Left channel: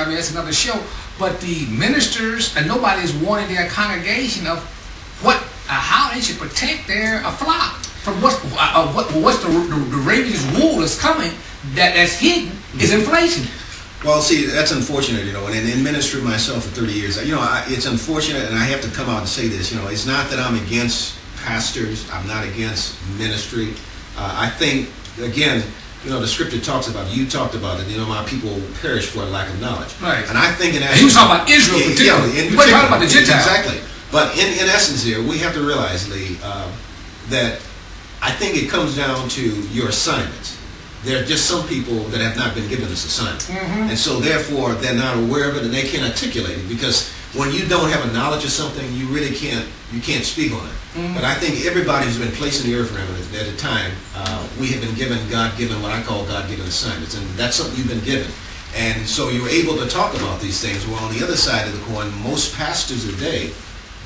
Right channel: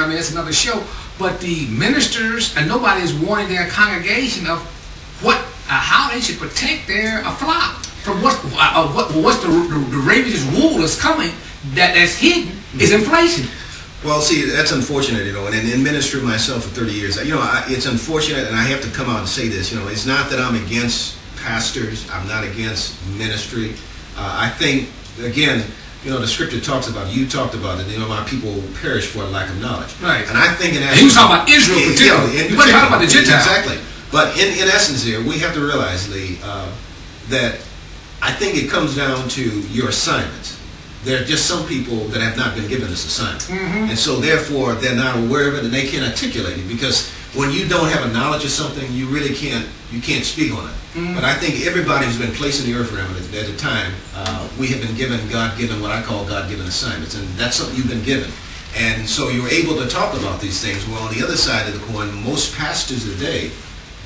I mean, that's another show. But the ministers and nobody is warning their congregation of how they should protect their flock from what's the ravenous wool that's coming that's hidden is inflation. Well, see, that's unfortunate, you know, and in ministry myself for 30 years, you know, it's unfortunate, and I have to come out and say this, you know, it's not that I'm against pastors, I'm not against ministry. I think, again, you know, the scripture talks about it, you talked about it, you know, my people perish for a lack of knowledge. Right. And I think in essence... He was talking about Israel particularly. He wasn't talking about the Gentiles. Exactly. But in essence here, we have to realize, Lee, that I think it comes down to your assignments. There are just some people that have not been given this assignment. And so therefore they're not aware of it and they can't articulate it, because when you don't have a knowledge of something, you really can't speak on it. But I think everybody who's been placed in the earth realm at a time, we have been given God-given, what I call God-given assignments, and that's something you've been given. And so you're able to talk about these things. Well, on the other side of the coin, most pastors today,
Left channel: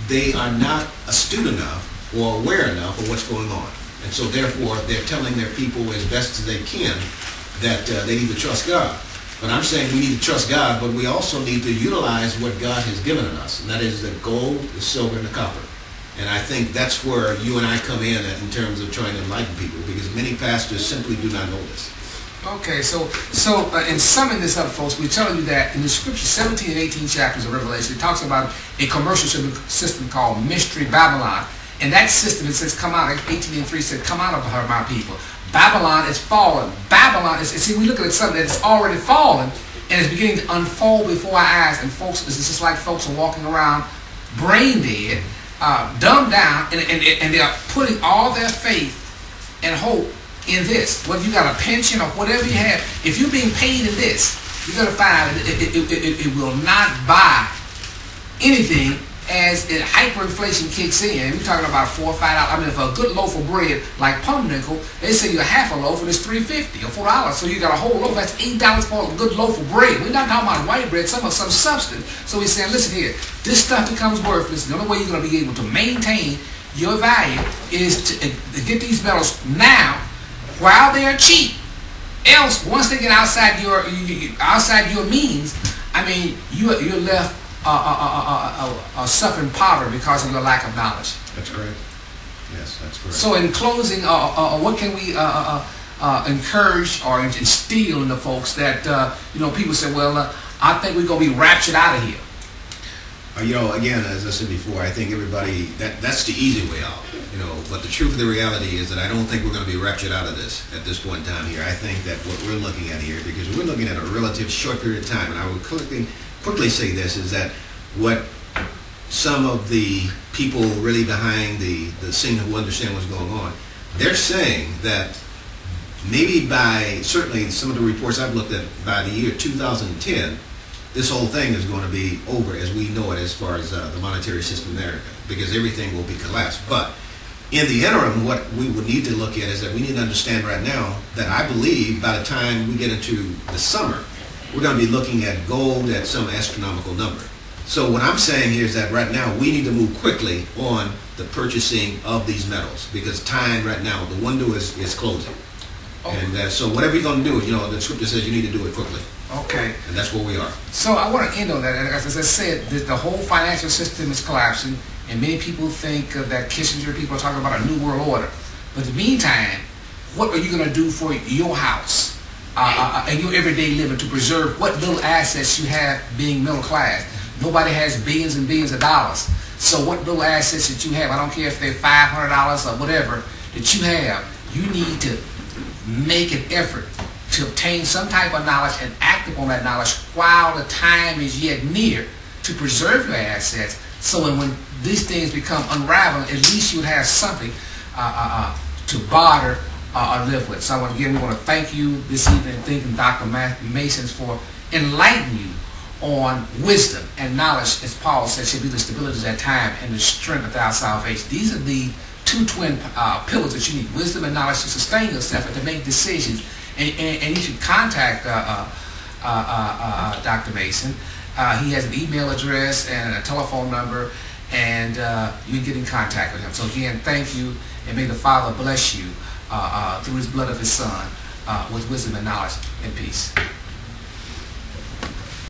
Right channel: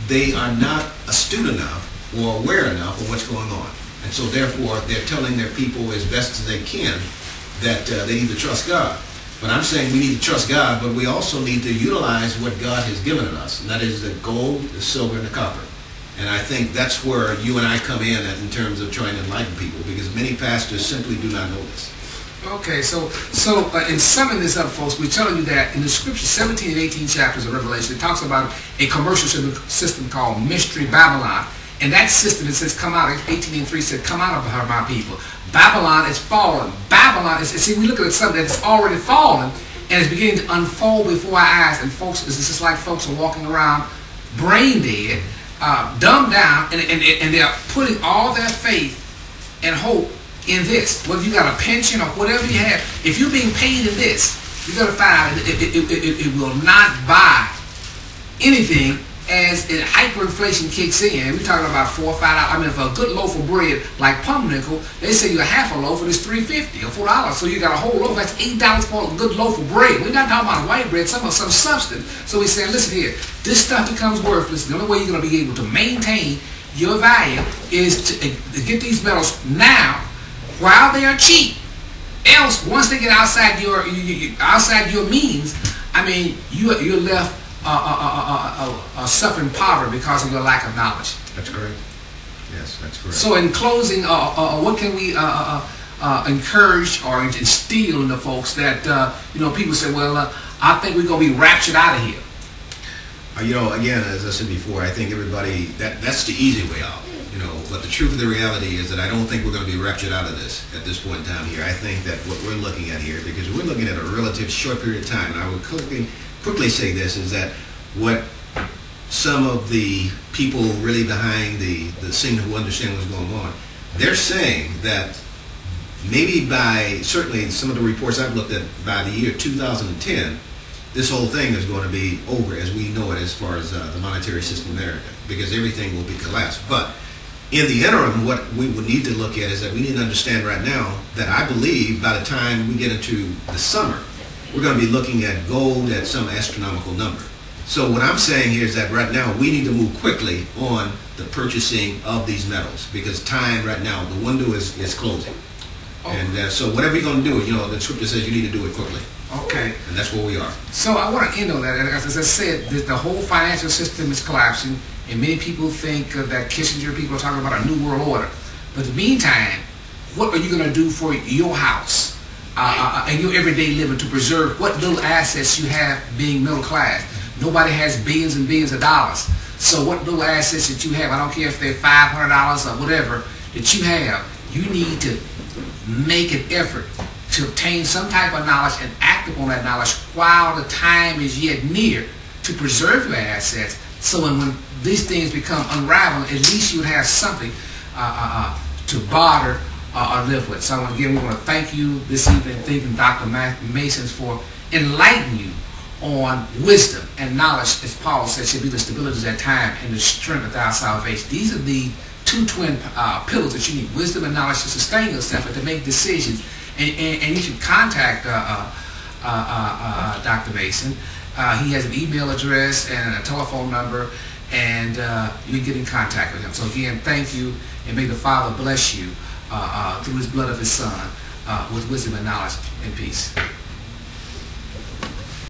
they are not astute enough or aware enough of what's going on. And so therefore, they're telling their people as best as they can that they need to trust God. But I'm saying we need to trust God, but we also need to utilize what God has given us, and that is the gold, the silver, and the copper. And I think that's where you and I come in terms of trying to enlighten people, because many pastors simply do not know this. Okay, so in summing this up, folks, we're telling you that in the scripture, 17 and 18 chapters of Revelation, it talks about a commercial system called Mystery Babylon. And that system, it says, come out, 18 and 3 said, come out of her, my people. Babylon is fallen. Babylon is, see, we look at something that's already fallen, and it's beginning to unfold before our eyes. And folks, it's just like folks are walking around brain dead, dumbed down, and they're putting all their faith and hope in this. Whether you got a pension or whatever you have, if you're being paid in this, you're going to find out it will not buy anything as hyperinflation kicks in. We're talking about $4 or $5. I mean, for a good loaf of bread like pumpernickel, they say you half a loaf and it's $3.50 or $4. So you got a whole loaf. That's $8 for a good loaf of bread. We're not talking about white bread, some substance. So we're saying, listen here, this stuff becomes worthless. The only way you're going to be able to maintain your value is to get these metals now while they are cheap. Else, once they get outside your means, I mean, you're left suffering poverty because of your lack of knowledge. That's correct. Yes, that's correct. So in closing, what can we encourage or instill in the folks that, you know, people say, well, I think we're going to be raptured out of here? You know, again, as I said before, I think everybody, that's the easy way out. You know, but the truth of the reality is that I don't think we're going to be raptured out of this at this point in time here. I think that what we're looking at here, because we're looking at a relative short period of time, and I would quickly say this, is that what some of the people really behind the scene who understand what's going on, they're saying that maybe by, certainly some of the reports I've looked at, by the year 2010, this whole thing is going to be over as we know it as far as the monetary system there, because everything will be collapsed. But in the interim, what we would need to look at is that we need to understand right now that I believe by the time we get into the summer, we're going to be looking at gold at some astronomical number. So what I'm saying here is that right now we need to move quickly on the purchasing of these metals, because time right now, the window is closing. Oh. And so whatever you're going to do, you know, the scripture says you need to do it quickly. Okay. And that's where we are. So I want to end on that. And as I said, the whole financial system is collapsing, and many people think that Kissinger, people are talking about a new world order. But in the meantime, what are you going to do for your house and your everyday living to preserve what little assets you have being middle class? Nobody has billions and billions of dollars. So what little assets that you have, I don't care if they're $500 or whatever, that you have, you need to make an effort to obtain some type of knowledge and act upon that knowledge while the time is yet near to preserve your assets. So when these things become unraveled, at least you would have something to barter or live with. So again, we want to thank you this evening, thanking Dr. Mason for enlightening you on wisdom and knowledge, as Paul said, should be the stability of that time and the strength of our salvation. These are the two twin pillars that you need: wisdom and knowledge to sustain yourself and to make decisions. And you should contact Dr. Mason. He has an email address and a telephone number, and you can get in contact with him. So again, thank you, and may the Father bless you through his blood of his Son with wisdom and knowledge and peace.